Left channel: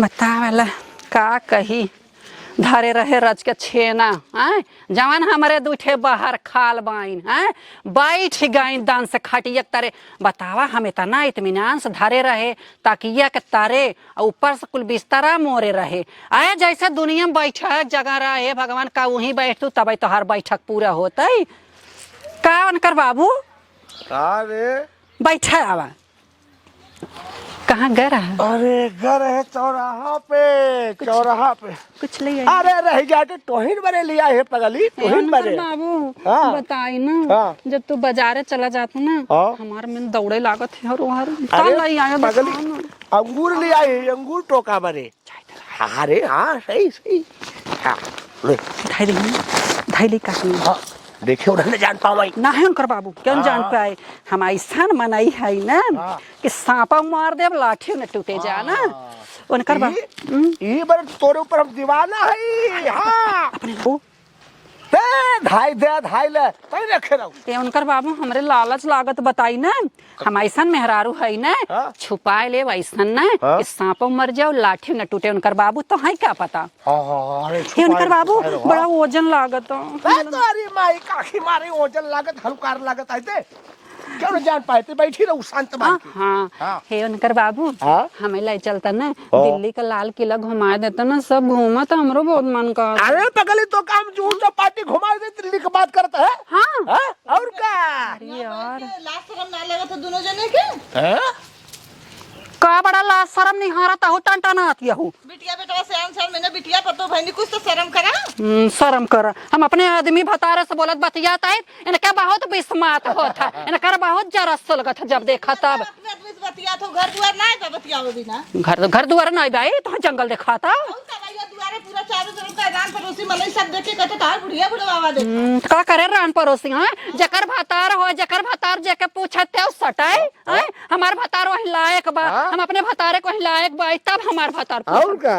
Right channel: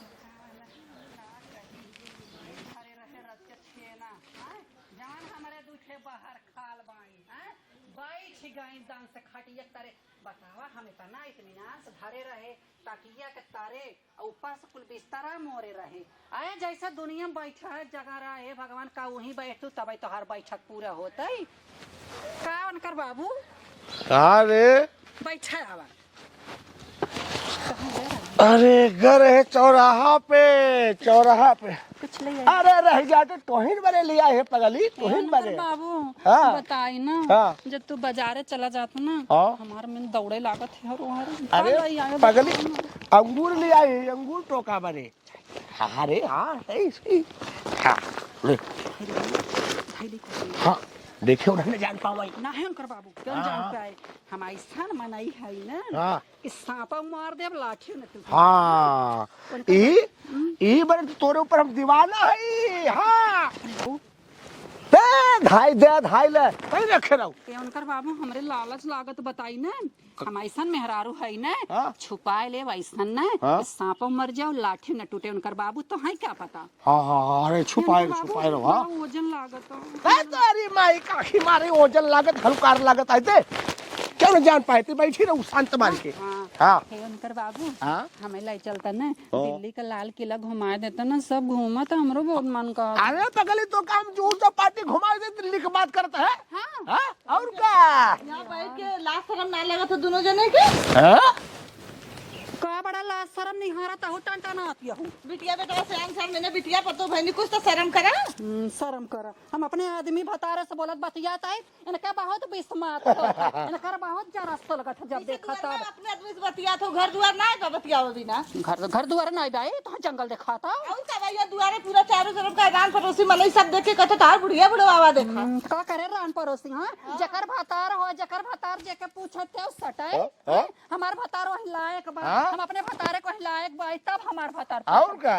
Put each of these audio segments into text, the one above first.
बतावला का कही धरे रहे रच के छेना हैं जवान हमारे दूठे बाहर खाल बाइन हैं बैठ गई दान से खटिया तारे बतावा हम इतना इत्मीनान से धरे रहे ताकिया के तारे ऊपर से कुल बिस्तरा मोरे रहे आए जैसे दुनिया में बैठक जगह रहे भगवान का वहीं बैठतू तब तो हर बैठक पूरा होता का उनकर बाबू बैठा आवा कहाँ गए रहा? अरे घर है चौराहा पे कुछ ले अरे रह जाते तोहिन बने लिया है पगली तोहिन बने बाबू हाँ। बताई ना हाँ। जब तू बाजारे चला जाता ना हाँ। हमारे में दौड़े लागत है और अरे पगली अंगूर ले आए अंगूर टोका बने अरे हाँ सही सही हाँ ले धैली काटनी हाँ देखे उन्हें जान पाई ना है उनकर बाबू क्यों जान पाए हम ऐसा मनाई है ना कि सांपा मार दे लाठी न टूटे जाना उनकर ये बार तोरे ऊपर हम दीवाना है हाँ अपने धाई ले कहीं रखे रहो ये उनकर बाबू हमरे लालच लागत बताई ना हम ऐसा मेहरारू है ना छुपाए ले वैसा ना कि सांप मर जाओ लाठी न टूटे उनकर बाबू तो है क्या पता अरे उनकर बाबू बड़ा वजन लागत अरे माई काखी मारे वजन लागत हल्कार लागत आते क्यों न जान पाए बैठी रहो शांत मान के हाँ हे उनकर बाबू हमें ले चलता ना दिल्ली का लाल किला घुमा देता ना सब घूमा तो हमरो बहुत मन का अरे पगली तो काम झूठ तो पार्टी घुमा दे दिल्ली की बात करता है हाँ और क्या लास्ट शर्म ना लगा तो दोनों जने के का बड़ा ला शर्म नहीं हारा ता हो टन आती हो बिटिया बेटा से सर मैंने बिटिया पतो भाई कुछ तो शर्म करा शर्म कर हम अपने आदमी भतारे से बोलत बतियाता है इनका बहुत बिस्मात होता इनका बहुत जरस लगत जब देखा तब अपने आदमी से बतिया तो घर दुआर ना है बतियाओ बिना घर दुआर नहीं भाई तो जंगल देखा था और का भैया दुआरे पूरा चारों तरफ का रान पड़ोसी मने सब देखे कहते तार बुढ़िया बुढ़वा दे का करे रान पड़ोसी हां जकर भतार हो जकर भतार जेके पूछते हो सटाई हमार भतार वही लायक बा हम अपने भतारे को लायक बा तब हमार भतार और क्या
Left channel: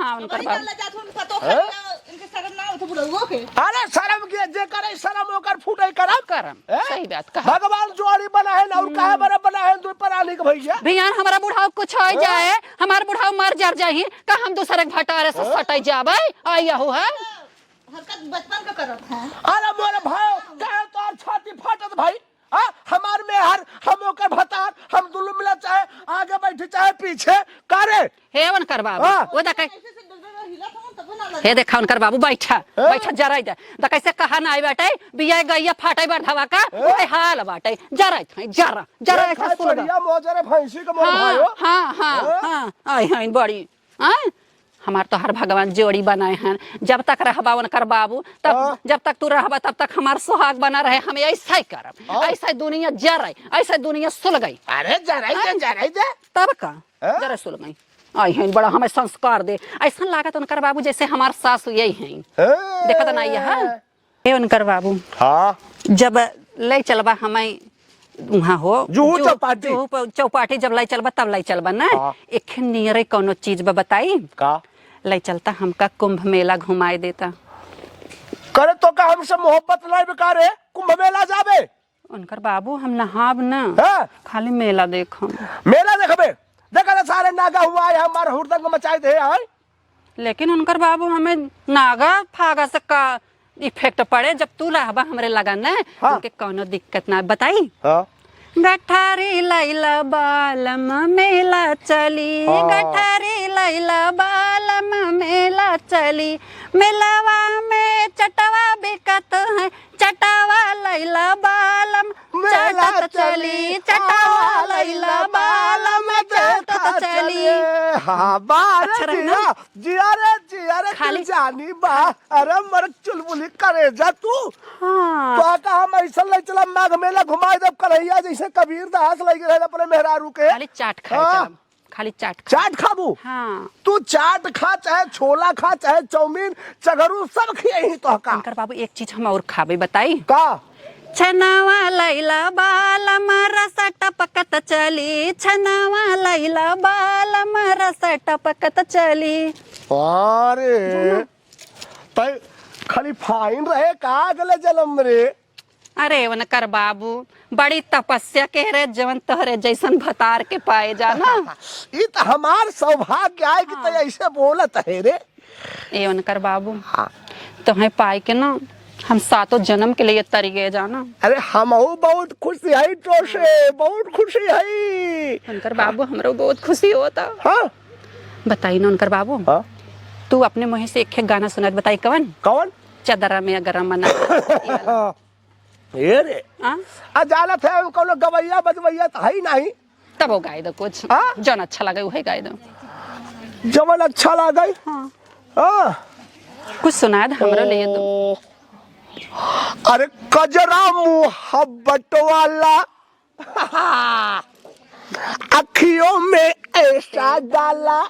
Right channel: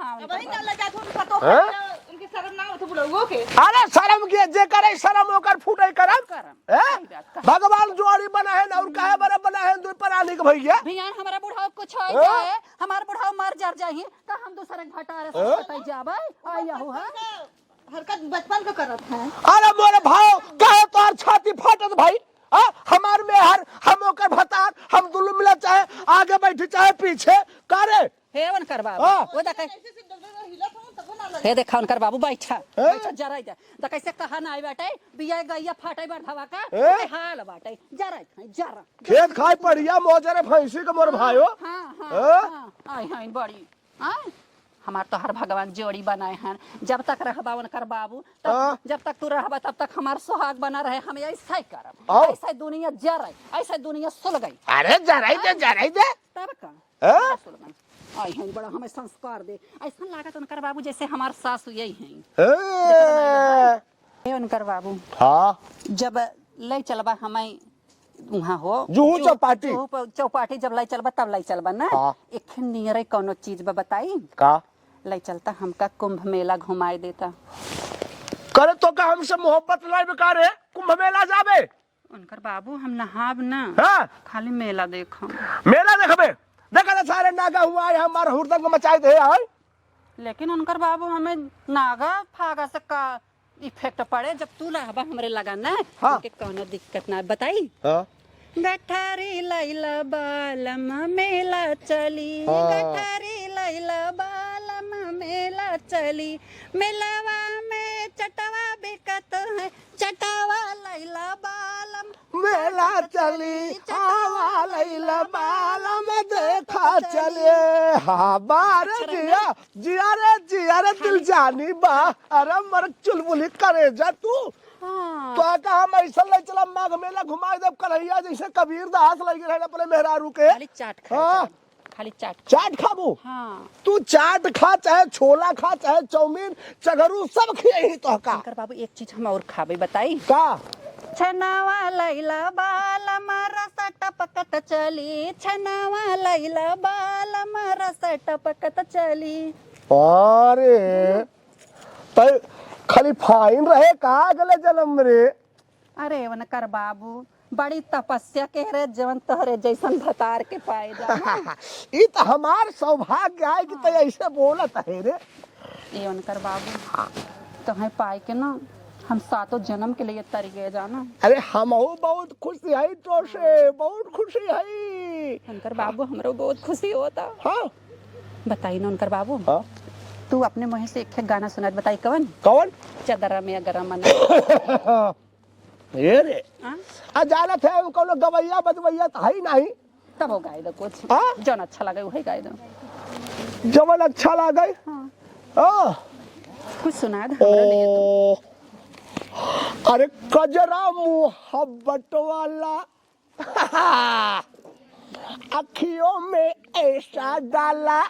हां उनकर बात लगा तो पतो इनके शर्म ना होत बुढ़वा के अरे शर्म के जे करे शर्म होकर फूटे करम सही बात कहा भगवान जोड़ी बना है और काहे बड़ा बना है दो प्राणी के भैया भैया हमारा बुढ़ाव कुछ हो जाए हमार बुढ़ाव मर जर जाही का हम दूसरे के भटारे से सटाई जाबे आया हो है हरकत बचपन का करत है अरे मोरे भाई कहे तोर छाती फाटत भाई हमार में हर हम ओकर भतार हम दुल्लू मिला चाहे आगे बैठे चाहे पीछे करे हे उनकर बाबू वो देखा हे देखा उनकर बाबू बैठा जराई दे कैसे कहा ना आई बाटे बिया गैया फाटे बढ़ावा का ओए हाल बाटे जरा खाए बढ़िया मोजरे भैंसी के मोर भाइयो हां आई हई बड़ी हमार तो हर भगवान जोड़ी बनाए हैं जब तक रहबा उनकर बाबू तब जब तक तू रहबा तब तक हमार सुहाग बना रहे हम ऐसा ही करब ऐसा दुनिया जराई ऐसा दुनिया सुल गई अरे जराई दे तब का जरा सुल गई आई हैं बड़ा हमें संस्कार दे ऐसा लागत उनकर बाबू जैसे हमार सासू यही हैं देखत नहीं है हे उनकर बाबू हां जब ले चलबा हमें वहाँ हो चौपाटी जब लाई चलबा तब लाई चलबा ना एक नियरे कोनो चीज बा बताई का लाई चलता हमका कुंभ मेला घुमाए देता करे तो का हमसे मोहब्बत नहीं बेकार है कुंभ मेला जाबे उनकर बाबू हम नहाब ना खाली मेला देखम मेला देखबे देखा सारे नागा हुआ है हमार हुरदंग मचाए दे है लेकिन उनकर बाबू हमें नागा फागा से का इफेक्ट पड़े जब तू रहबा हमरे लगा ना उनके कोनो दिक्कत ना बताई गठारी लैला बालम मेला चली गठारी लैला बालम मेला चली मेलावा में चटवा बिकत है चटवा लैला बालम मेला चली चटवा लैला बालम देखा चली हां बार जिया रे दिल जानी बा अरे मर चुलबुली करे जा तू तो का हम ऐसा ले चला माघ मेला घुमाए जब कन्हैया जैसे कबीर दास लगे रहे अपने मेहरारू के खाली चाट खा खाली चाट खाबू हाँ तू चाट खा चाहे छोला खा चाहे चाउमीन चगरू सब खिए तो का बाबू एक चीज हम और खाबे बताई का छनावा लैला बालम रस टपकत चली छनावा लैला बालम रस टपकत चली अरे तय खाली फाइन रहे का गले जलम रे अरे उनकर बाबू बड़ी तपस्या के रे जवन तोहरे जैसन भतार के पाए जाना। ये तो हमार सौभाग्य है कि तो ऐसे बोलत है रे। ए उनकर बाबू तुम्हें पाए के ना हम 7 जन्म के लिए तरीके जाना। अरे हम बहुत खुशी है तो से, बहुत खुशी है उनकर बाबू हमरो बहुत खुशी होता। हाँ बताई ना उनकर बाबू, हाँ तू अपने मुँह से एक गाना सुना बताई कवन? कौन? चदरा में अगर मना ये रे हाँ? अजालत है कोनो गवैया बदवैया तो है नहीं, तब वो गाय दो कुछ हाँ? जौन अच्छा लगे वही गाय दो। जवन अच्छा लगे हाँ। हाँ। कुछ सुना दे हमरा लिए तो। अरे कजरा मुहब्बत वाला अखियों में ऐसा डाला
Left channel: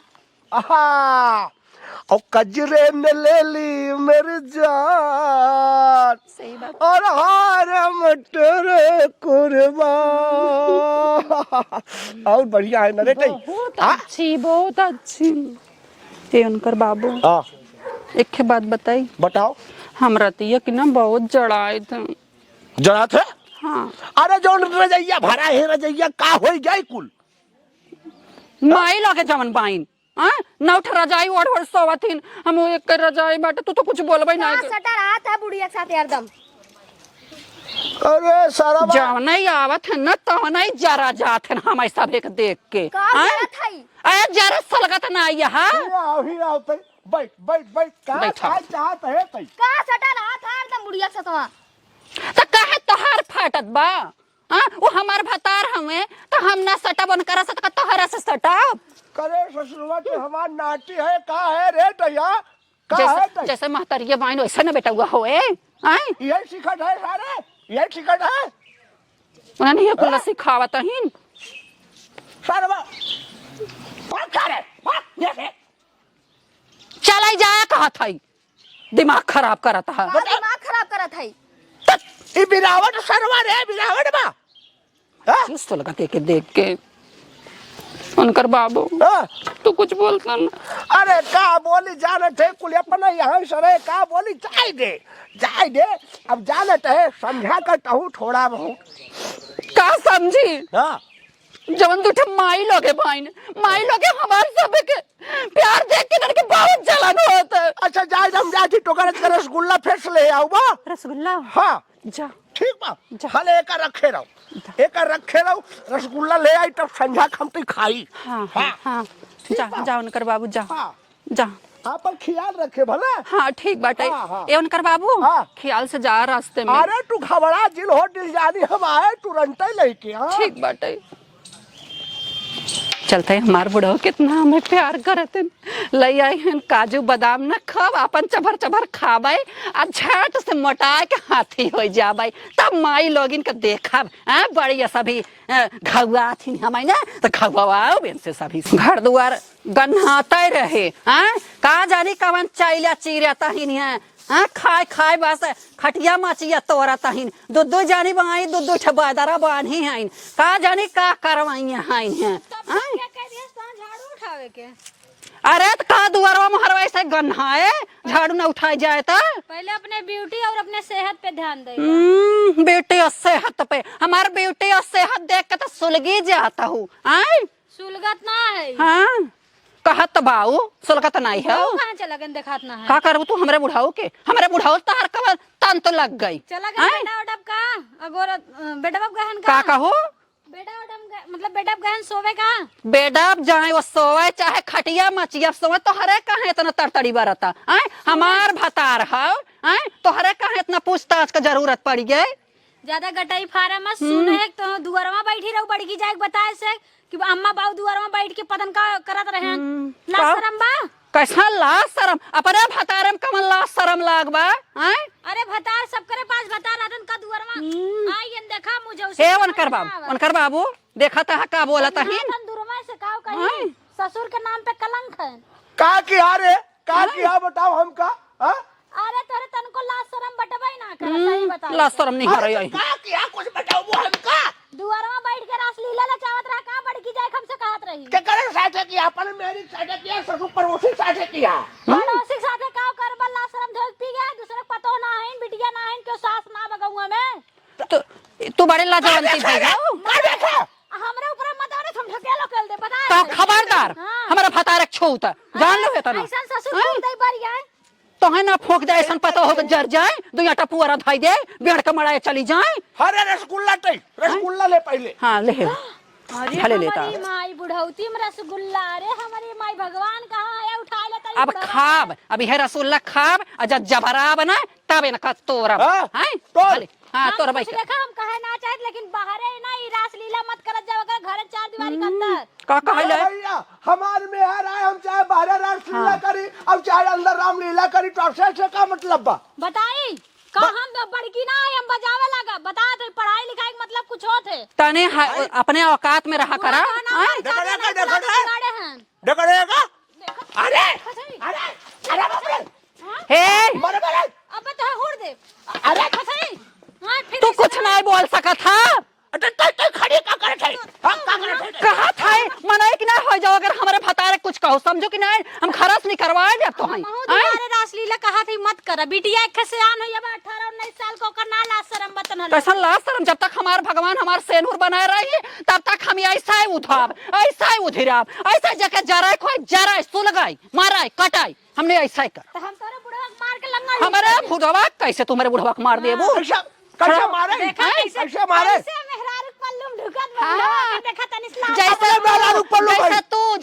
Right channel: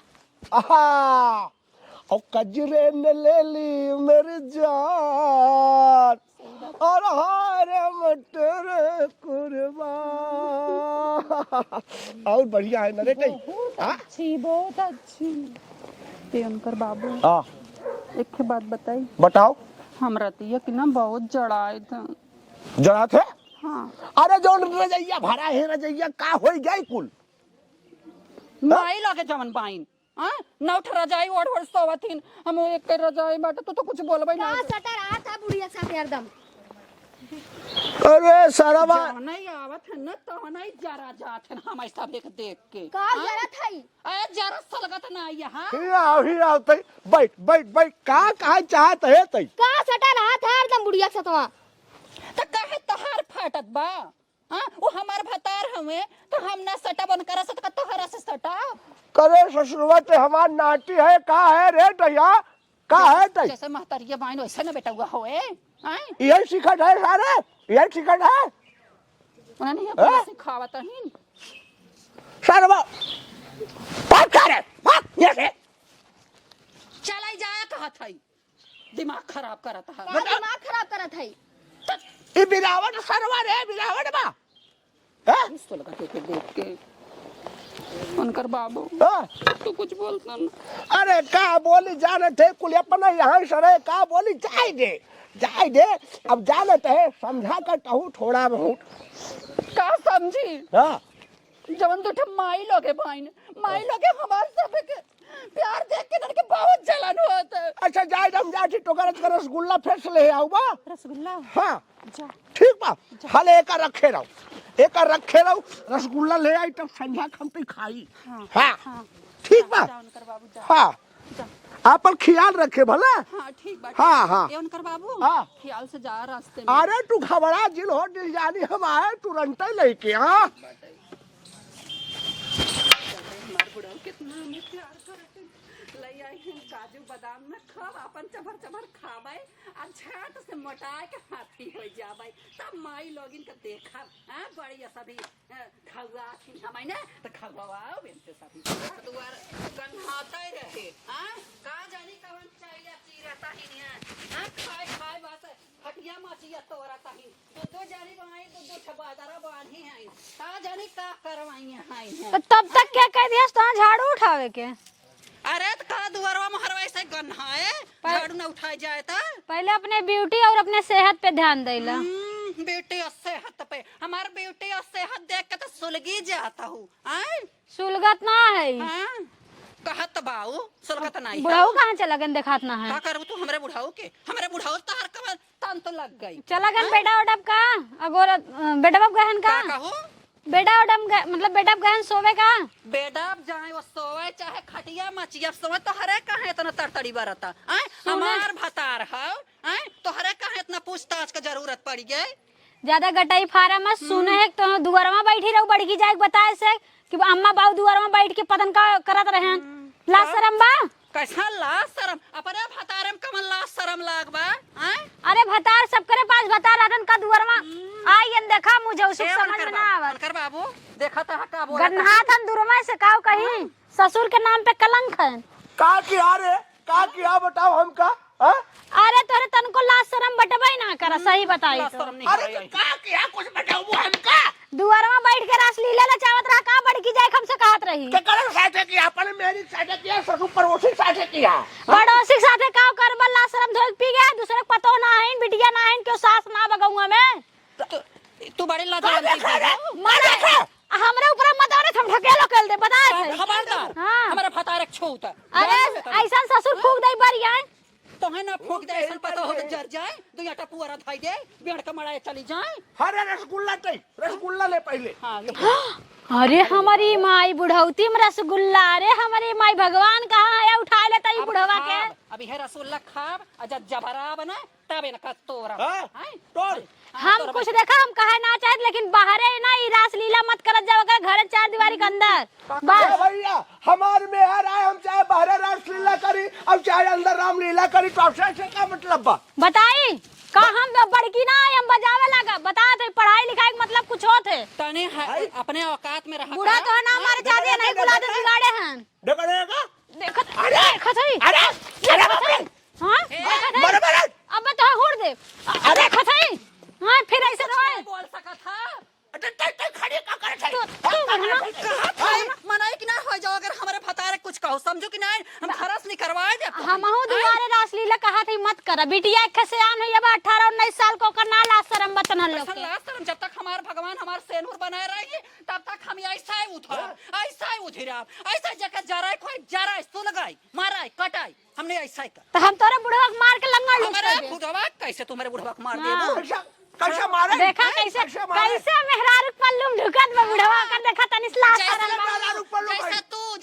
और कजरे ने ले ली मेरी जान सही बात। और हार मटर कुर्बान। और बढ़िया है ना रे कहीं? बहुत अच्छी बहुत अच्छी। ये उनकर बाबू हाँ एक बात बताई, बताओ। हमरा तिया कि ना बहुत जड़ाए थे। जरा थे? हाँ। अरे जो रजैया भरा है रजैया का हो जाए कुल माई लगे जवन बाइन हाँ नौठ रजाई ओढ़ ओढ़ सोवथिन हम एक रजाई बाटे तू तो कुछ बोलबे ना। सटा रहा था बुढ़िया के साथ एकदम। अरे सारा जब नहीं आवत है न तो नहीं जरा जात है हम सब एक देख के। का गलत है? अरे जरा सलगत ना आई हां। ही आओ तई बैठ बैठ बैठ का बैठा। चाहत है तई का सटा रहा था एकदम बुढ़िया के साथ। तो काहे तोहार फाटत बा हां वो हमार भतार हमें तो हम ना सटा बन कर सकत तोहरा से सटा करे ससुरवा ते हमार नाटी है का है रे तैया का है तई जैसे महतरिया बाइन वैसे न बेटा हुआ होए हैं ये सिखत है सारे ये सिखत है उन्हें ये कुल सिखावत हिन सरवा बात करे बात ये से चलाई जाया कहत हई दिमाग खराब करत है। का दिमाग खराब करत है? ये बिरावट सरवा रे बिरावट बा हां तो लगा के देख के उनकर बाबू तू कुछ बोलता ना। अरे का बोली जाने थे कुल अपना यहाँ सरे का बोली जाए दे अब जाने थे समझा कर कहूँ थोड़ा बहुत का समझी हाँ जवन दूठे माई लोगे भाईन माई लोगे हमारे सब के प्यार देख के नर के बहुत जलन होता है। अच्छा जाए हम जाती टोकर के रसगुल्ला फेंस ले आओ बा रसगुल्ला हाँ जा ठीक बा हले एक रखे रहो रसगुल्ला ले आई तब संझा खमती खाई हाँ हाँ हाँ ठीक जा बा जा उनकर बाबू जा हाँ जा आप पर ख्याल रखे भला हाँ ठीक बाटे हाँ, हाँ। ये उनकर बाबू हाँ। ख्याल से जा रास्ते में। अरे तू घबरा दिल हो दिल जानी हम आए तुरंत लेके हाँ ठीक बाटे चलते हमार बुढ़ो कितना हमें प्यार करते लई आई हैं काजू बादाम न खब अपन चभर चभर खाबे आ झट से मोटा के हाथी हो जाबे तब माई लोगिन के देखब हां बड़ी सभी घुआ थी हमें ना तो घुआओ बेन से सभी घर दुआर गन्हाते रहे हां का जानी कवन चाइला चिरिया तहिन है हां खाए खाए बस खटिया मचिया तोरा तहिन दो जानी बाई दो ठबादरा बांधी हैं का जानी का करवाई हैं तब तक क्या कह दिया तो झाड़ू उठावे के? अरे तो का दुआरवा में हरवाई से गन्हाए झाड़ू न उठाई जाए तो पहले अपने ब्यूटी और अपने सेहत पे ध्यान देगा। ब्यूटी और सेहत पे हमारे ब्यूटी और सेहत देख के तो सुलगी जाता हूँ आय सुलगत ना है। हाँ कहत बाऊ सुलगत नहीं है वो कहाँ चला गन देखात ना है। का करबू तू हमरे बुढ़ाऊ के हमरे बुढ़ाऊ तो हर कबर तन तो लग गई चला गन बेटा उडब का अगोर बेटा बाप गहन का का कहो बेटा उडम मतलब बेटा बाप गहन सोवे का बेडब जाए वो सोए चाहे खटिया मचिया सोए तो हरे कहे इतना तरतड़ी बरता आय हमार भतार है आय तो हरे कहे इतना पूछताछ का जरूरत पड़ गई। ज्यादा गटाई फारा मत सुन है तो दुआरमा बैठी रहो बड़की जाए बताए से कि अम्मा बाऊ दुआरमा बैठ के पतन का करत रहे ला शरम बा कैसा ला शरम अपने भतारम कमन ला शरम लाग बा आय अरे भतार सब करे पास बता रहन का दुआरमा आई देखा मुझे उसे ए उनकर बाबू देखा था का बोला था हाथन दुरमा से काव कहीं ससुर के नाम पे कलंक है का किया रे का किया बताओ हमका हाँ अरे तोरे तनको ला शरम बटबई ना कर सही बताई ला शरम नहीं कर रही का किया कुछ बताओ वो हमका दुआरमा बैठ के रास लीला ला चावत रहा का बड़की जाए हमसे कहत रही के करे साथे किया अपन मेरी साथे किया ससुर पड़ोसी साथे किया पड़ोसी के साथे काव कर बल्ला शरम धोक पी गया दूसरे को पतो ना है बिटिया ना है क्यों सास ना बगौआ में तो तू बड़े लाजवंती भाई हमरा ऊपर मत आरे हम ढकेलो कर दे बता सब खबरदार हमारा फतारक छूत जान लो है तना ऐसा ससुर फूल दई बरिया तो है ना फोक दे ऐसा पता हो तो जर जाए दो आटा पुअरा धाई दे बेड़ के मड़ाए चली जाए अरे रसगुल्ला ले पहले। हां ले अरे हमारी माई बुढ़ौती में रसगुल्ला, अरे हमारी माई भगवान कहाँ है उठा लेता अब खाब अभी है रसगुल्ला खाब अजब जबरा बना तब इनका तोरब हैं हां तोरब कुछ देखा हम कहे ना चाहे लेकिन बाहर है ना ई रास लीला मत करत जाओ अगर घर चार दीवारी के अंदर का कहले भैया हमार में है राय हम चाहे बाहर रासलीला करी अब चाहे अंदर रामलीला करी तो से का मतलब बा बताई का हम तो बड़की ना हम बजावे लगा बता दे पढ़ाई लिखाई का मतलब कुछ होत है तने अपने औकात में रहा करा डकड़ेगा अब तो हुड़ दे अरे खसई हां फिर तू कुछ नहीं बोल सका था खड़ी का करे कहा था मनाई कि ना हो जाओ अगर हमारे फतारे कुछ कहो समझो कि नहीं हम खरस नहीं करवाए अब तो हम तुम्हारे रासलीला कहा थी मत कर बिटिया खसियान है अब 18 19 साल को करना ला शर्म बतना कैसा लास्ट शर्म जब तक हमारे भगवान हमारे सेनूर बनाए रही तब तक हम ऐसा ही उठाब ऐसा ही उधिराब ऐसा जगह जरा कोई जरा सुलगाई माराई कटाई हमने ऐसा ही कर तो हम तोरे बुढ़वा मार के लंगा हमारे बुढ़वा कैसे तुम्हारे बुढ़वा को मार देबो कैसे मारे देखा कैसे मारे कैसे मेहरारू पल्लू ढुकत बुढ़वा का देखा तनी इस्लाम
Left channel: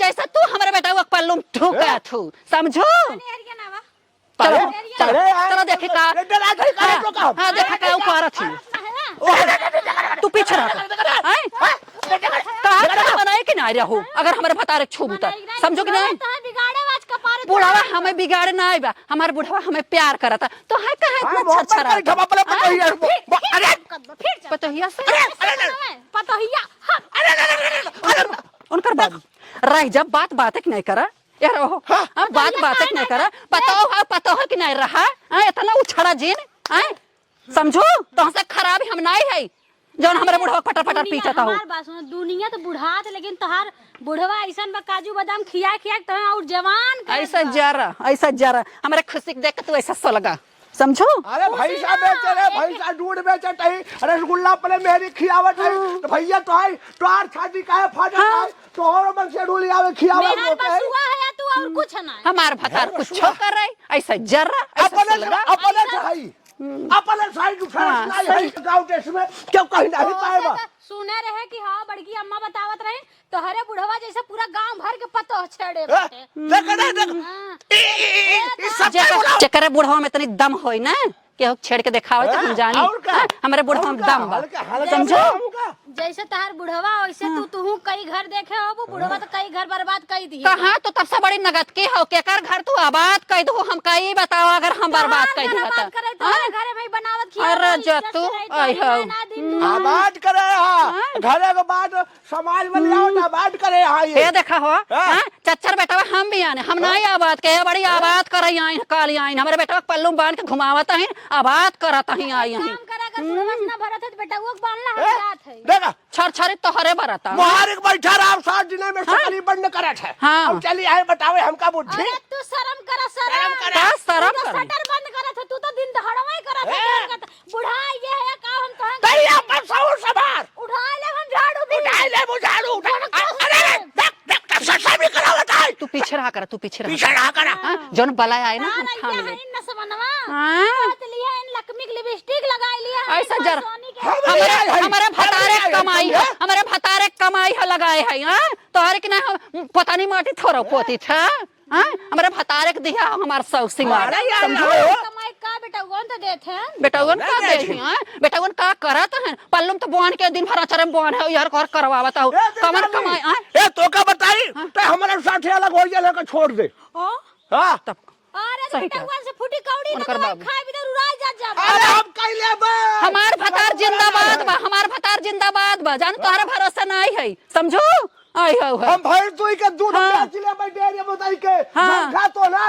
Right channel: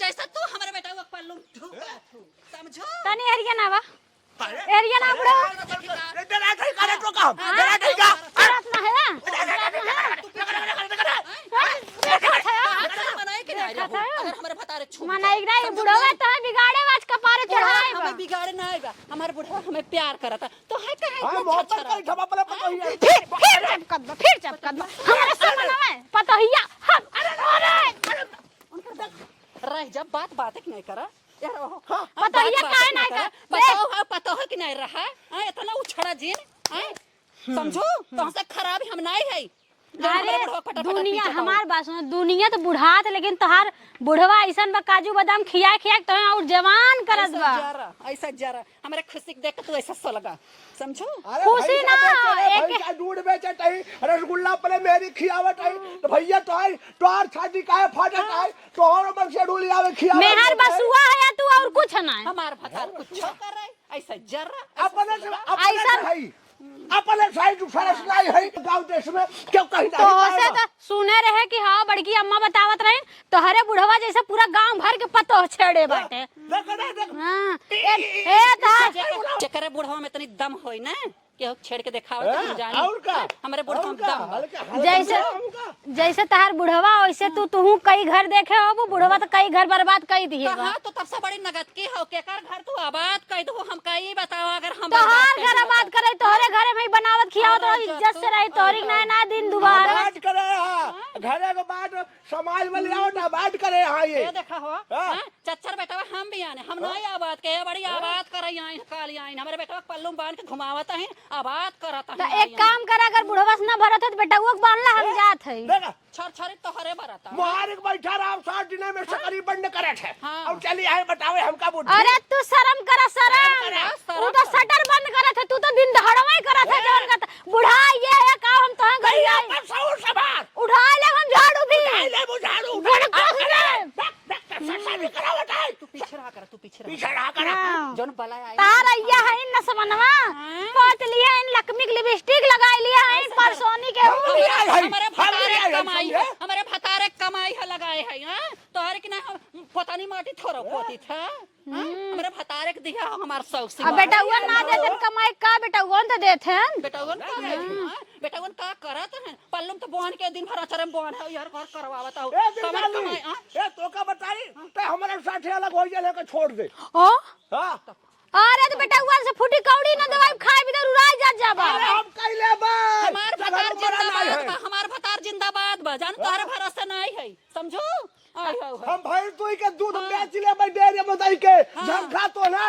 जैसा तू हमारे बेटा को पल्लू ठुका थू समझो तनी एरिया ना बा चलो एरिया ना चलो देखे का हां देखा ऊपर था तू पीछे रह कहा बनाए कि ना रहो अगर हमारे फतारे छू तो समझो कि नहीं बिगाड़े आज का पारे बुढ़वा हमें बिगाड़े ना आइबा हमारे बुढ़वा हमें प्यार करता तो है कहे इतना अच्छा रहा पतोहिया पतोहिया उनकर बात रह जब बात नहीं करा यार हो बात नहीं करा बताओ पतो कि नहीं रहा इतना उछड़ा जिन समझो तो से खराब हम नहीं है जो हमारे बुढ़वा फटाफट पीछा था हमार बात सुनो दुनिया तो बुढ़ात लेकिन तोहार बुढ़वा ऐसा बा काजू बादाम खिया तो और जवान कर ऐसा जरा हमारे खुशी देख तू ऐसा सलगा समझो अरे भैया दूध बेचत है रसगुल्ला पहले मेरी खियावत है तो भैया तोहार शादी काहे फाटत है तोहर मन से डूली आवे खियावत मेहर बसुआ है तू और कुछ ना हमार भतार कुछ कर रही ऐसा जरा अपने साइड फैसला है गांव देश में क्यों कहीं नहीं सुने रहे कि हां बड़की अम्मा बतावत रही तो हरे बुढ़वा जैसा पूरा गांव भर के पतो छेड़े बाटे चक्कर बुढ़वा में इतनी दम होई ना कि छेड़ के दिखावे तो हम जानी हमारे बुढ़वा में दम बा समझो जैसे तहार बुढ़वा वैसे तू कई घर देखे हो वो बुढ़वा तो कई घर बर्बाद कर दी कहां तो तब से बड़ी नगद के हो के कर घर तू आबाद कर दो हम कई बताओ अगर हम बर्बाद कर दो बर्बाद करे तोरे घरे में बनावत खिया इज्जत से रही तोरी ना दिन दुनिया आबाद करे हां घरे के बाद समाज में लाओ ना आबाद करे हां ये देखा हो हां चच्चर बेटा हम भी आने हम नहीं आबाद के बड़ी आबाद करे आई काली आई हमारे बेटा पल्लू बांध के घुमावत है आबाद करत है आई काम करा अगर बुढ़वा से ना भरत है तो बेटा वो बांधला हम जात है देखा छरछरी तो हरे भरता मोहरिक बैठा रहा 7 दिन में सकली बंद करत है अब चली आए बतावे हमका बुद्धि अरे तू शर्म कर शर्म तू तो शटर बंद करत है तू तो दिन दहाड़वा ही करत है बुढ़ा ये है काम तो भैया पर सौर सवार उठा ले हम झाड़ू भी उठा ले वो झाड़ू देख सच्चा भी करा बता तू पीछे रहा कर पीछे रहा कर जोन बला आए ना तारा है इन नसवनवा काट लिया इन लकमिक लिपस्टिक लगा लिया ऐसा जर सोनी के हमारे भतारे कमाई है लगाए है हां तोहरे के ना पता नहीं माटी थोरो पोती था हां हमारे भतारे के दिया हमार सौ सिंगार कमाई का बेटा कौन तो देते हैं बेटावन का देते हैं बेटावन का करत है पल्लम तो बोन के दिन भर चरम बोन है यार कर करवावत हो कमर कमाई ए तो का बताई तो हमारे साथे अलग हो जा लेकर छोड़ दे ओ हां अरे तो बेटा से फुटी कौड़ी ना तो खाए बिदर उड़ाई जा अरे हम कइले बा हमार भतार जिंदाबाद बा जान तोहरा भरोसा नहीं है समझो आई हो हम भैंस दुई के दूध बेच ले भाई डेरे में दई के झंका तोला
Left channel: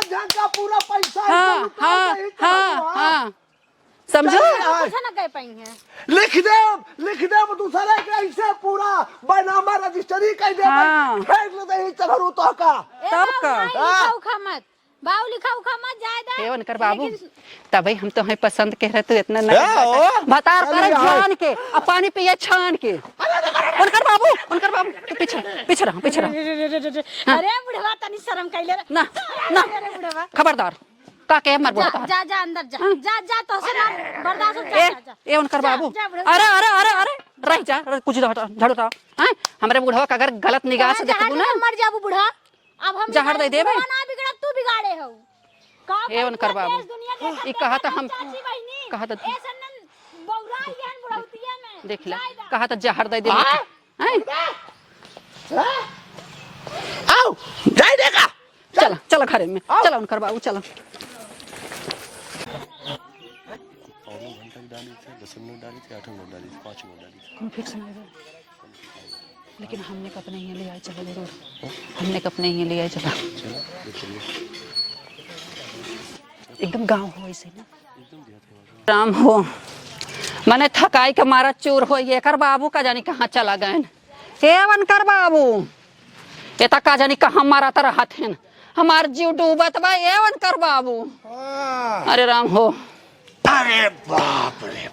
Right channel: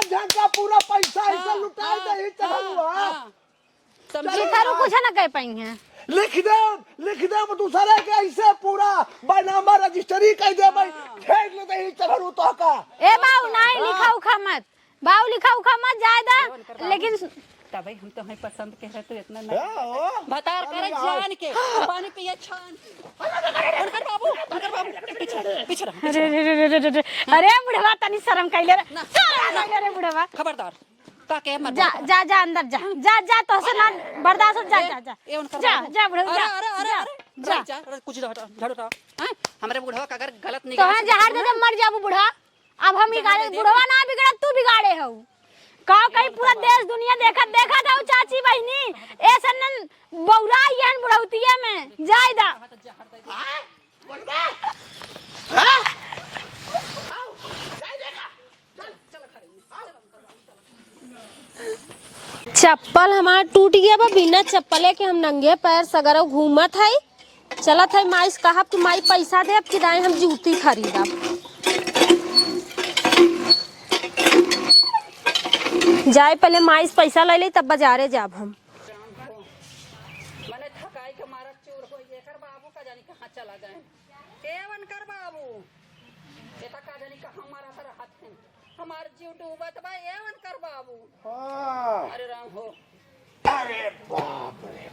झंका पूरा पैसा हां समझो कुछ ना कह पाई हैं लिख दे दूसरे के ऐसे पूरा बनामा रजिस्ट्री कर दे फेंक ले दे चढ़ू तो का ए बाबू नहीं लिखाऊ खा मत बाऊ लिखा उखा मत जायदा एवन कर बाबू तभी हम तो पसंद कह रहे तू इतना नहीं बतार कर जान के और पानी पिए छान के उनकर बाबू तू पीछे रह अरे बुढ़वा तनी शर्म कैले रे ना अरे बुढ़वा खबरदार का के मर जा अंदर जा तो से ना बर्दाश्त जा ए उनकर बाबू अरे रह जा कुछ झाड़ू था हैं हमरे बुढ़वा का अगर गलत निगाह से देखू ना मर जाबू बुढ़ा अब हम जहर दे देबे ना बिगड़ा तू बिगाड़े हो का कई पूरा देश दुनिया देखत हम चाची बहिनी ऐसा न बौरा यहन बुढ़ौतिया में जायदा कहा तो जहर दे देबे हैं आओ जाय देगा चलो घरे में चलो उनकर बाबू चलो चप्पल हमार टूट गया बा बिना चप्पले के हम नंगे पैर सगरो घूमत है चलत है माई से कहब कि माई पैसा दे कि दाई हम जूती खरीदब हमने अपने ही लिए जाए पहले माई से पैसा ले ले तब बाजारे जाब हम राम हो मने थकाई के मारा चूर हो ये कर बाबू का जानी कहाँ चला गए हे वनकर बाबू ये तक का जानी कहाँ मारा तर हथेन हमार जीव डूबत बा ये वनकर बाबू अरे राम हो अरे बाप रे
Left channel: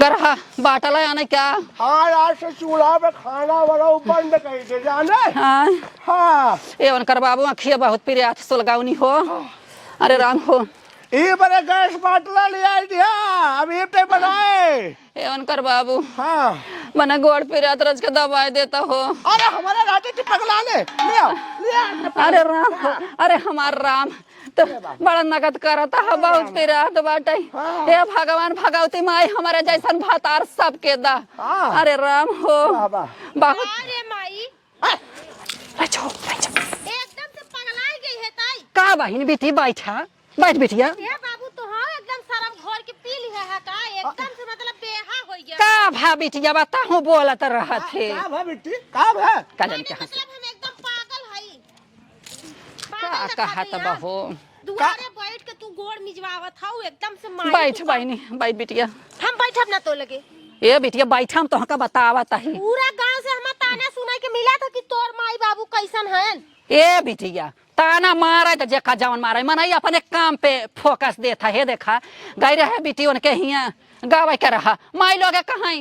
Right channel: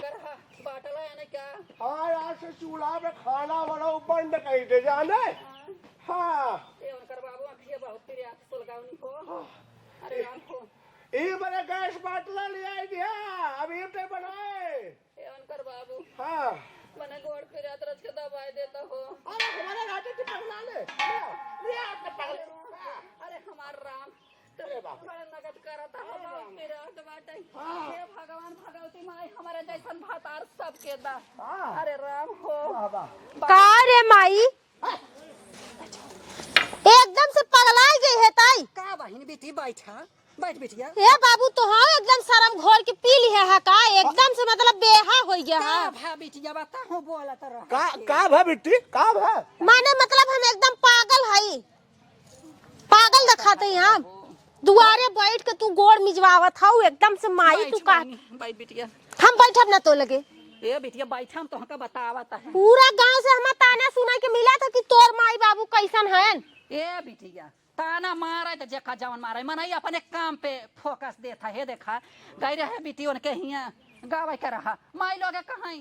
गरहा बाटल आने क्या हाँ यार से चूल्हा पे खाना वाला बंद कर दे जाने हाँ हाँ ये वनकर बाबू अखिया बहुत पिरियात सुलगावनी हो अरे राम हो ये बड़े गैस बाटला ले आई दिया अब ये पे बनाए ये वनकर बाबू हाँ मने गोड़ पिरियात रज के दवाई देता हो अरे हमारे राजा की पगला ले आओ अरे राम अरे हमार राम तो बड़ा नगद करता है बहुत पिरात बाटे हे भगवान भगवती माई हमारे जैसन भातार सबके दा अरे राम हो अरे माई एकदम से पगला गई है ताई का बहिन बेटी बैठ बिटिया ए बाबू तो हाँ एकदम शर्म घोर के पी ली है का एकदम से मतलब बेहा हो गया का भा बिटिया बता हूँ बोलत रहा थे का भा बेटी का भा माने मतलब हम एकदम पागल हई पागल दिखाते हैं दुआरे बैठ के तू गोड़ मिजवावत हऊ एकदम से माई बैठ बहिनी बैठ बिटिया हम बैठब ना तो लगे ए बिटिया बैठा हम तो का बतावत है पूरा गांव से हम ताना सुना के मिला था कि तोर माई बाबू कैसन हैं ए बिटिया ताना मारा तो जेखा जवन मारा मनाई अपने काम पे फोकस देता है देखा गई रहे बेटी उनके हिया गावे के रहा माई लोग कहाँ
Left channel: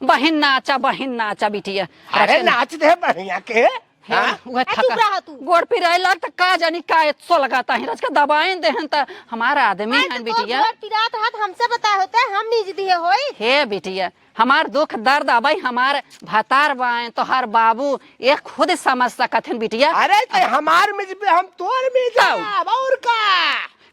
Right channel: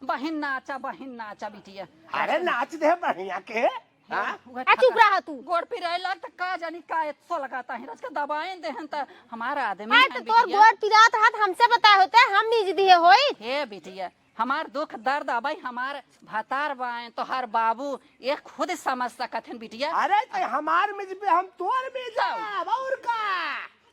बहिन नाचा बिटिया अरे नाच दे बढ़िया के गोड़ पिराई लग का जानी का सो लगाता है रज का दबाएं देहन त हमारा आदमी है बिटिया गोड़ पिरात रहत हमसे बता होता हम नीज दिए होई हे बिटिया हमार दुख दर्द अबई हमार भातार बाएं तो हर बाबू ये खुद समझ सकत हैं बिटिया अरे ते हमार मिज पे हम तोर मिज और का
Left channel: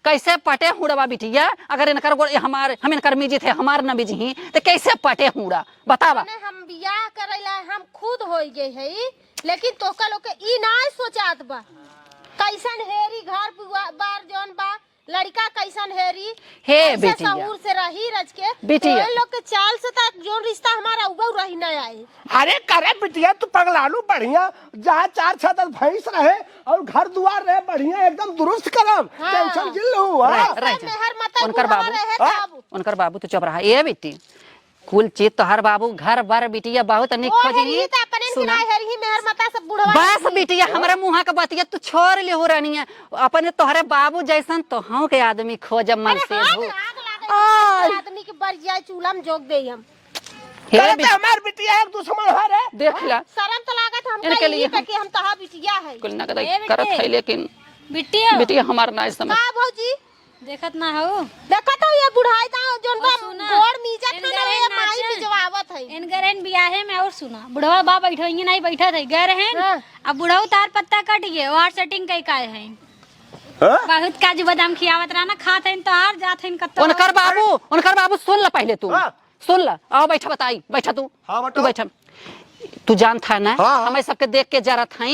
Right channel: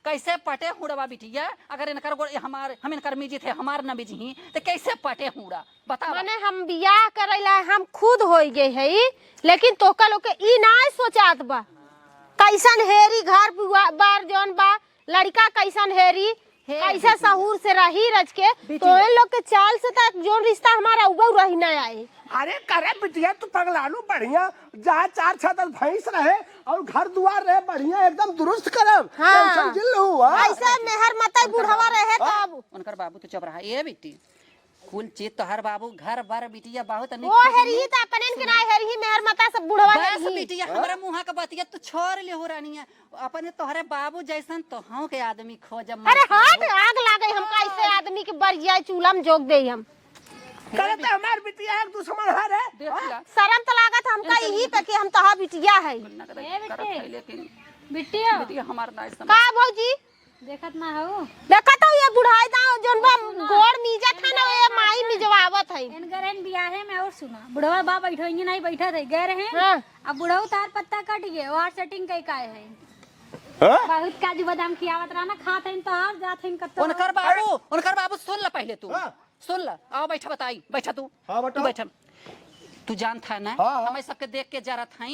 कैसे पटे हुड़ा बिटिया अगर इनकर हमार हम इनकर मिजी थे हमार न मिजी तो कैसे पटे हुड़ा बतावा हम बियाह करैला हम खुद होई गए हई लेकिन तोका लोग के ई ना सोचात बा कैसन हेरी घर बार जौन बा लड़का कैसन हेरी हे कैसे सहूर से रही रज के तो लोग के चाल से तक जोन रिश्ता हमारा उबौ रही ना आए अरे करे बिटिया तू पगलालू बढ़िया जहाँ 4 छतर भैंस रहे और घर दुआर रहे बढ़िया एकदम दुरुस्त करब टेंशन जिल लहू ऐसा मेहर मत बुढ़वा रहे तब उनकर बाबू तो चुप रहा ए बेटी कुल चीज तो हर बाबू घर बार बिटिया बहुत निक खोजनी बस बिटिया हमारे मुँह का बतिया तू छोड़ ले हो रानी है अपने तोहरे बाबू जैसन तो हम के आदमी खोज मन से आग लागे आदमी के बरिया चूल्हा में जोग दे हम हमार बिटिया एक दुश्मन है रे देख ला शर्म तो लागत हमके ये पे कि हम तहा बिटिया है कुल ना करत है लेकिन बिटिया बिटिया हमार ना समझ हां भौजी देखत ना हो देखत हो ये बुढ़ाई दा जोन गोड़ मीजत है ना ये माई मिजवावत है इनकरन बियाहे में और सुना बुढ़वा बा बैठोंगे नहीं बैठा थे गए रहे अब बुढ़ऊ तार पत्ता कट गए और सेटिंग कई काए हैं बहुत काजू बादाम खियावत रहा ना खात हैं तो हार जात हैं कत्तो उनकर बाबू सुन ला पहले तू सुन ला आओ बैठा बताई बैठा तू तू बैठा तू जानता है ना हमें सबके देख के जरूरत है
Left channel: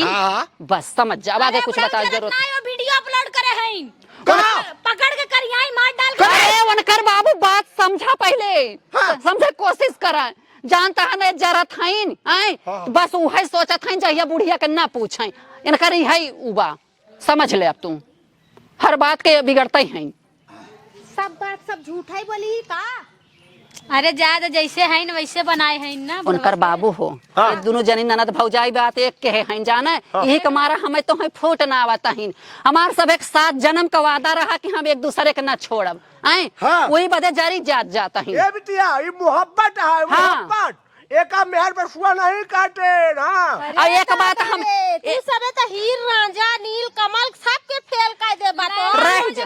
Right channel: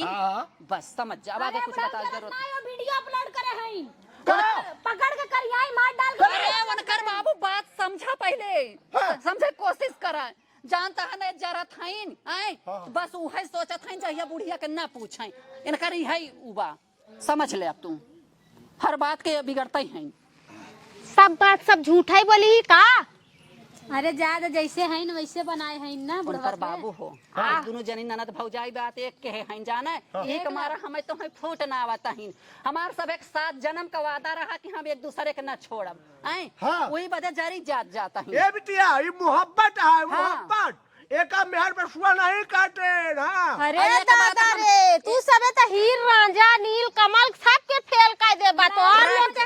बस समझ जा आगे कुछ बता जरूरत नहीं वीडियो अपलोड करे हैं पकड़ के करियाई मार डाल अरे उनकर बाबू बात समझा पहले समझा कोशिश करा जानता है ना जरूरत है बस वही सोचत है जहिया बुढ़िया के ना पूछे इनकर है उबा समझ ले अब तू हर बात के बिगड़ते हैं सब बात सब झूठा ही बोली का अरे ज्यादा जैसे है न वैसे बनाए हैं ना उनकर बाबू हो हाँ। दोनों जनी ननद भौजाई बात एक के हैं जाने यही के मारा हमें तो है फूट ना आवता हिन हमार सब एक साथ जन्म का वादा रहा कि हम एक दूसरे के ना छोड़ब आए हाँ। वही बदे जारी जाता हिन ये बिटिया ये मोहब्बत है हाँ। मोहब्बत एक मेहर पर सुआ नहीं काटे हाँ और एक बात हम तू सबे तो हीर रांझा नील कमल सब के फेल कर दे बातो रह जा।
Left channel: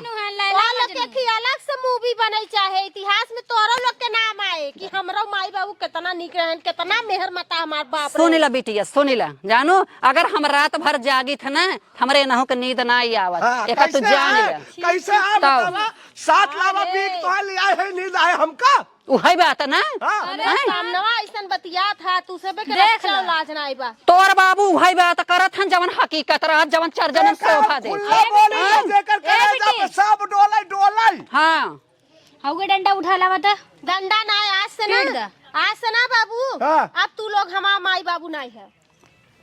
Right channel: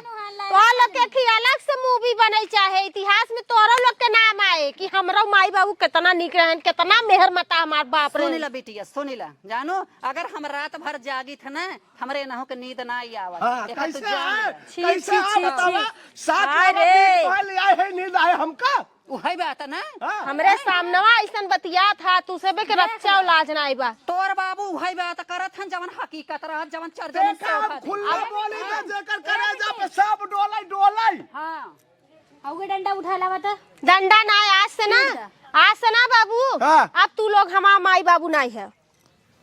और लोग के की अलग से मूवी बने चाहे इतिहास में तोरा लोग के नाम आए कि हमरा माई बाबू कितना निक रहन कितना मेहर मता हमार बाप रे सुनिला बिटिया सुनिला जानो अगर हम रात भर जागी थे ना हमरे नहु के नींद ना ही आवत हाँ, एक तू जान है? ला कैसे है बतावा? सात लावा बीट पहले लिया है नींद आए हमका उहई बात ना हाँ हमरे सामनवा ऐसन बतिया था तू सबे के बच्चा लाज ना आइबा तोर बाबू उहई बात करत हन जवन हकीकत रहत जवन चार जन शोभा दे खुला बोली हाँ। जेकर करे जब सब डोलाई डोलाई हाँ हौगे डंडा उठा लावा त डंडा ना आज से ना आज से ना बाबू हाँ। अब तू लोग हमार माई बाबू नहीं है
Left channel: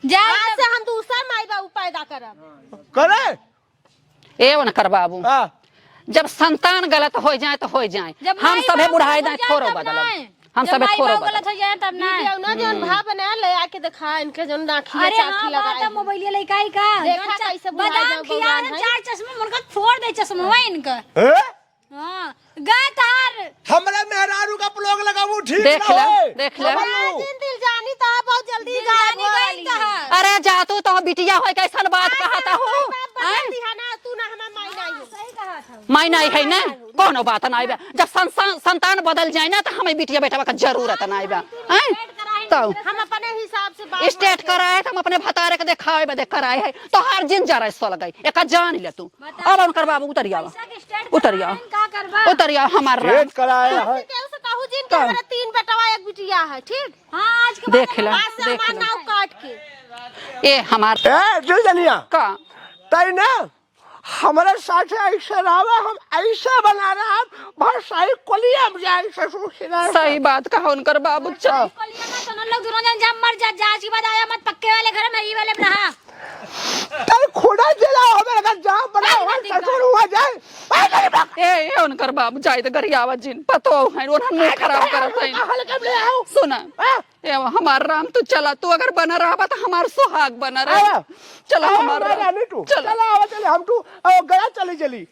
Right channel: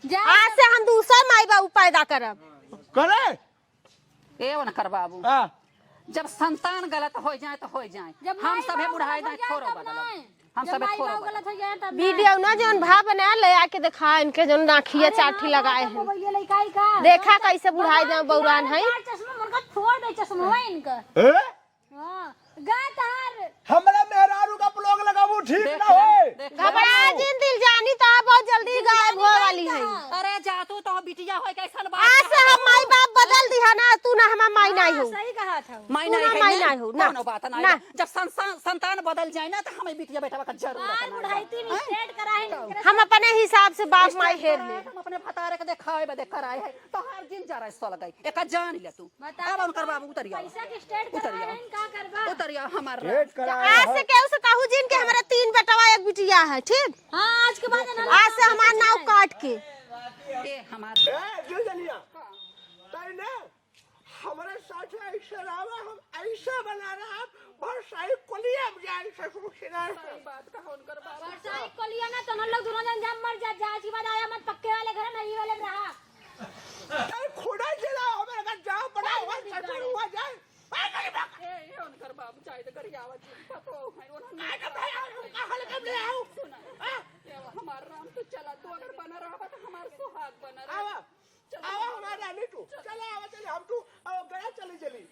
जा आज से हम दूसरा माई बाबू पैदा करब करे ए उनकर बाबू हाँ जब संतान गलत हो जाए तो हो जाए जब हम माई सबे बाप बुढ़ाई हो ना जाए थोरो तब बदलब नहीं। हम जब सबे माई थोरो बाप बदलब गलत हो जाए तब ना वीडियो ना जोन भाव बना ले आके दिखा इनके जोन नाखिया चाठी लगाए हैं। मोबाइल लइकाई का देखा कैसे बुढ़ाई में बौरान है। चार चश्मा मुनका फोड़ दे चश्मा इनका हैं? हां गाय तार हमरा मेहरारू का ब्लॉग लगाऊ ठीक देख ना ले होए? देख ले आज दिल जानी तो बहुत जल्दी गायब हो वाली है अरे जा तू तो बिटिया होय कैसन बात आज से कहता हम माई हूँ बाप बदल दिया ना तू ना हमार माई नहीं हो सही कहा था मैं नहीं है नहीं ना हो, कोनो बात नहीं बा जब संतान बदल जाए ना तो हमें बिटिया बेटा का जरूरत नहीं बा हैं? तो हम अपने हिसाब से बात स्टेट कराए तो हम अपने भतारे के देखाए बदे कराए है तो हर जिन जा रहा लगे एक जान ले तू अब उनकर बाबू उतरिया उतरिया का करबा उतरिया हमार भेंट कराए आज से केहू से कहू जिन के मेरे 3 बेटवा 1 बिटिया है ठीक हां आज के देख ले आज से हमार नाव काट के ए हमार ए दिल जनिया का तई ना हमारे साथ ऐसे रहा हम ऐसे बना रहे हम बहुत सही कोलिया में जाए ससुर खिला सही बात कहा उनकर बाबू चल कलिया में तो लोग दोनों जन जब मर जा आज की बात आया मत पक्के वाले घर में ही वाले में रहा तई खुदा जिला हमें अगर जहाँ बना हुआ ससुर हुआ जाए भाई नहीं बात ए उनकर बाबू जाए तो गरियावा जिन पतो है उन्हन मुंह खराब करत है हल कब ले आओ सुना ए हमार राम तू चला तू अगर बना रहा तो हमार सुहाग बना रहे चला हमार रानी तू चल चला आवा चले हम तू गया चली चली